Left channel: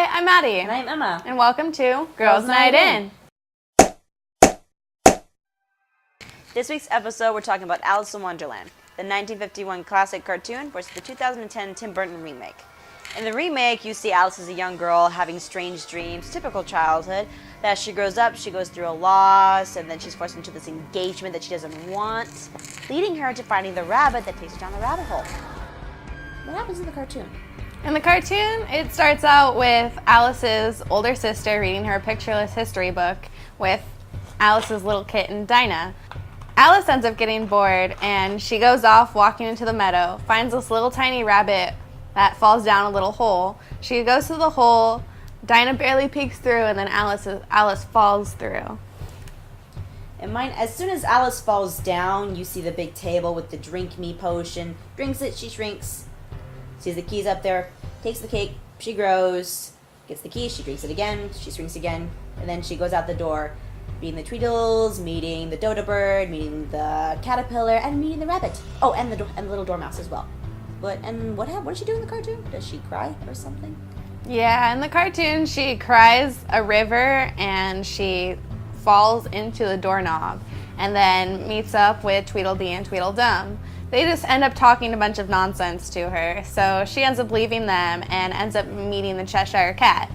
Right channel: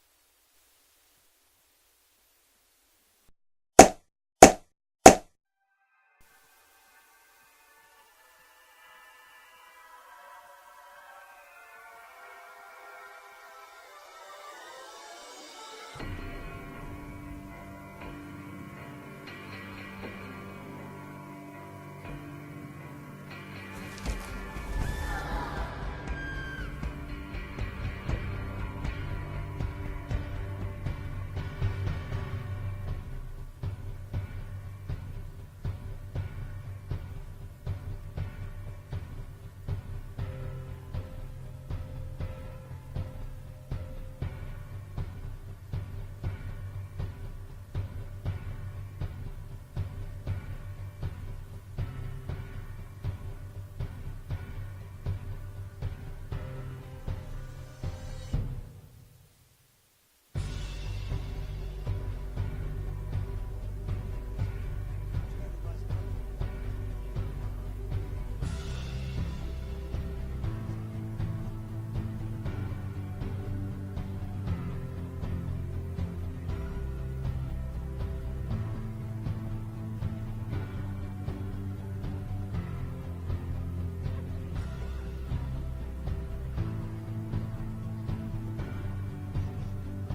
Hi, I'm Maddie. And I'm Emma. And welcome to Girls Night In. This week's episode, we're talking about Alice in Wonderland, the 1951 classic cartoon versus the 2010 Tim Burton remake. In the remake, you see Alice as a young girl having strange dreams, typical childhood. That as she grows up, she goes through a loss, and then she's forced into this engagement that she doesn't want, leading her to finding the rabbit that takes her down the rabbit hole. What happens in the cartoon? In the cartoon, it starts out with Alice's older sister reading her pictureless history book with Alice's little kitten, Dinah. Alice ends up getting bored, and she goes off walking into the meadow, finds this little tiny rabbit that falls down a little hole. She goes through the hole, Dinah barely peeks through, and then Alice falls through. And mine, as soon as Alice falls down, you see the big table with the drink me potion. Drinks it, she shrinks. Sees the keys up there, takes the cake, she grows, gets the keys, she drinks it again, she shrinks again, and then she goes out the door, meeting the Tweedles, meeting the dodo bird, meeting the caterpillar, and meeting the rabbit. Oh, and the little dormouse as well. What does she do in the cartoon? Does she cry or something? Yeah, in the cartoon, she cries a river, and she falls into the doorknob, and then meets up with Tweedledee and Tweedledum. They just end up talking a bunch of nonsense to her, so she ends up leaving them and ends up meeting the Cheshire Cat.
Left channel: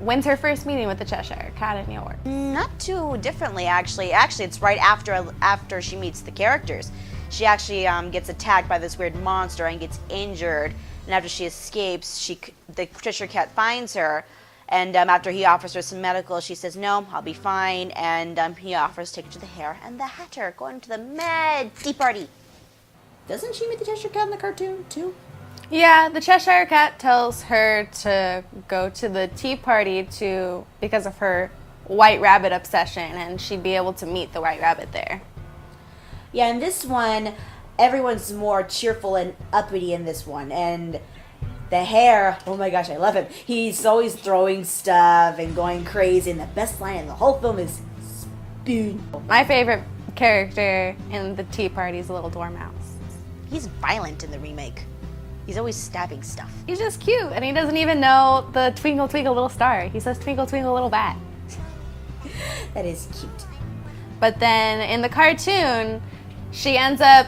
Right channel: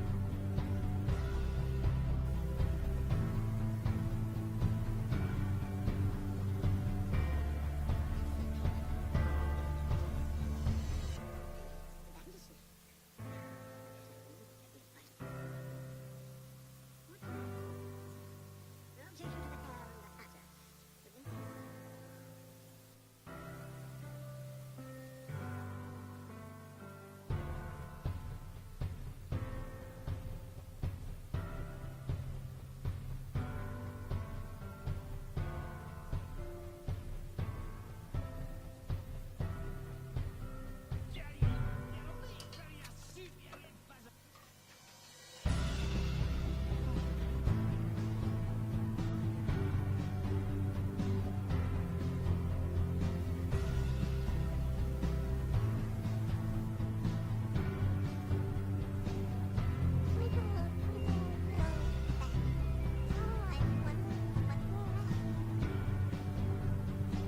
When's her first meeting with the Cheshire Cat in yours? Not too differently, actually. Actually, it's right after she meets the characters. She actually gets attacked by this weird monster and gets injured. And after she escapes, the Cheshire Cat finds her. And after he offers her some medical, she says, "No, I'll be fine." And he offers to take her to the Hare and the Hatter, going to the Med Tea Party. Doesn't she meet the Cheshire Cat in the cartoon, too? Yeah, the Cheshire Cat tells her to go to the tea party because of her white rabbit obsession, and she'd be able to meet the white rabbit there. Yeah, in this one, everyone's more cheerful and uppity in this one. And the Hare, oh my gosh, I love him. He's always throwing stuff and going crazy, and the best line in the whole film is spoon. My favorite character in the tea party is the little dormouse. He's violent in the remake. He's always stabbing stuff. He's just cute, and he doesn't even know the twinkle, twinkle, little star. He says twinkle, twinkle, little bat. That is cute. But then in the cartoon, she ends up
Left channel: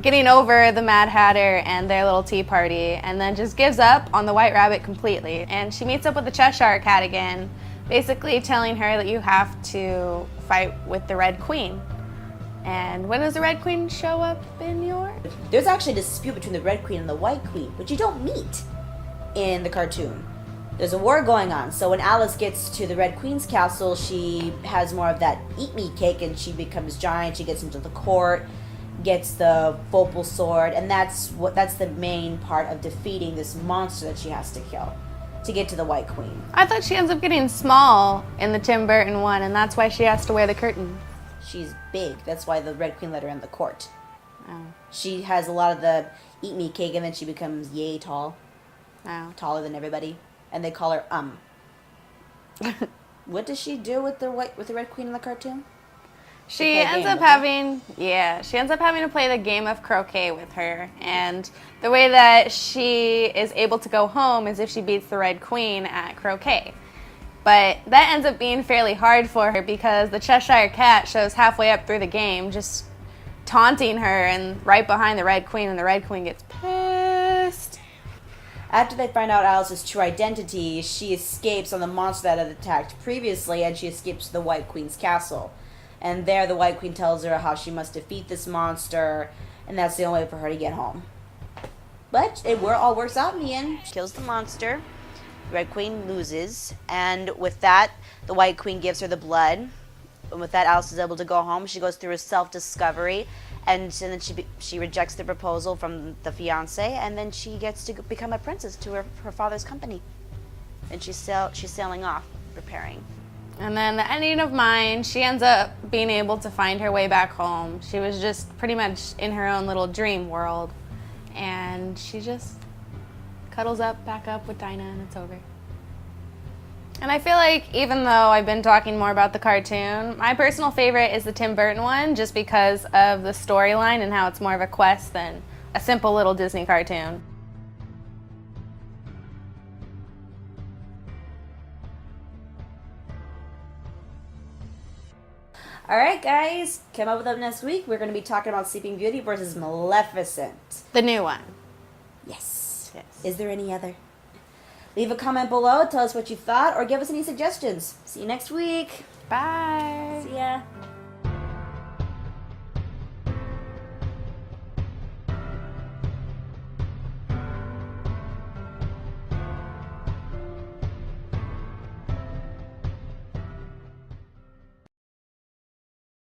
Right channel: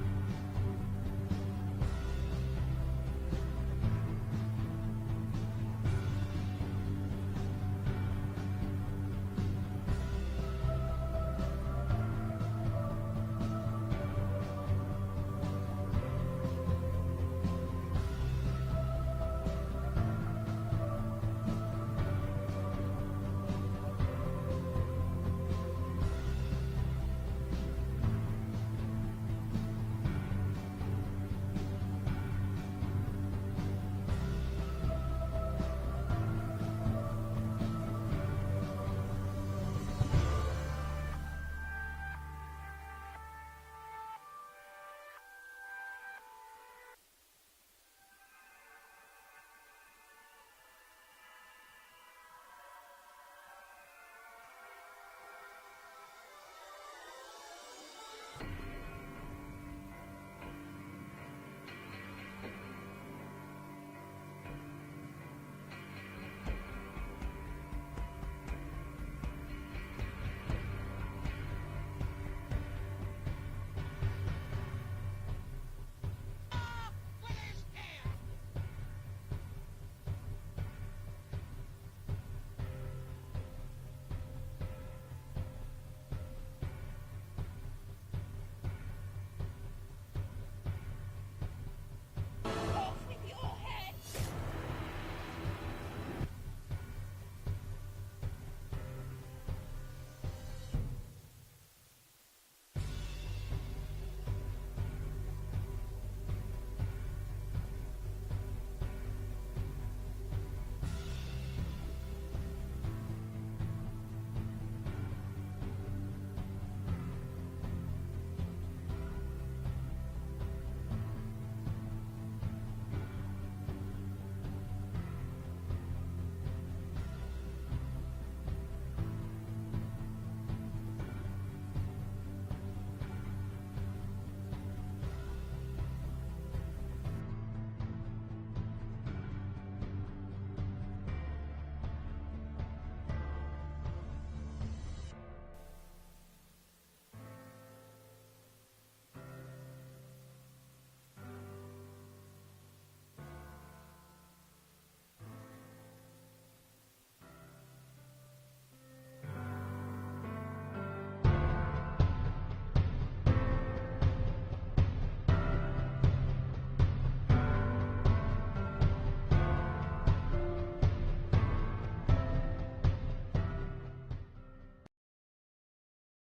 getting over the Mad Hatter and their little tea party, and then just gives up on the White Rabbit completely. And she meets up with the Cheshire Cat again, basically telling her that you have to fight with the Red Queen. And when does the Red Queen show up in yours? There's actually a dispute between the Red Queen and the White Queen, which you don't meet in the cartoon. There's a war going on, so when Alice gets to the Red Queen's castle, she has more of that eat-me cake, and she becomes giant. She gets into the court, gets the Opal sword, and that's the main part of defeating this monster that she has to kill to get to the White Queen. I thought she ends up getting small in the Tim Burton one, and that's why she has to wear the curtain. She's big. That's why the Red Queen let her in the court. Oh. She has a lot of the eat-me cake, and then she becomes yay tall. Oh. Taller than everybody. And they call her What does she do with the Red Queen in the cartoon? She ends up having to play the game of croquet with her, and the way that she is able to go home is if she beats the Red Queen at croquet. But that ends up being fairly hard for her because the Cheshire Cat shows halfway up through the game just taunting her and right behind the Red Queen, and the Red Queen gets pissed. After they find out Alice's true identity, she escapes on the monster that had attacked previously, and she escapes to the White Queen's castle. And there the White Queen tells her how she must defeat this monster, and that's the only way for her to get home. But it all works out in the end. She kills the monster, the Red Queen loses, and with that, the White Queen gives her the blood. And with that, Alice is able to go home. She goes through a self-discovery, and then she rejects the proposal from the fiancé, and then she gets to become a princess to her father's company. And she's sailing off, preparing. And then the ending of mine, she ends up being able to find her way back home. She was just pretty much in her own little dream world, and she just cuddles back up with Dinah, and it's over. And I feel like even though I've been talking more about the cartoon, my personal favorite is the Tim Burton one, just because of the storyline and how it's more of a quest than a simple little Disney cartoon. All right, guys, come up with them next week. We're going to be talking about Sleeping Beauty versus Maleficent. The new one. Yes. Yes. Is there any other? Leave a comment below. Tell us what you thought or give us any suggestions. See you next week. Bye. See ya.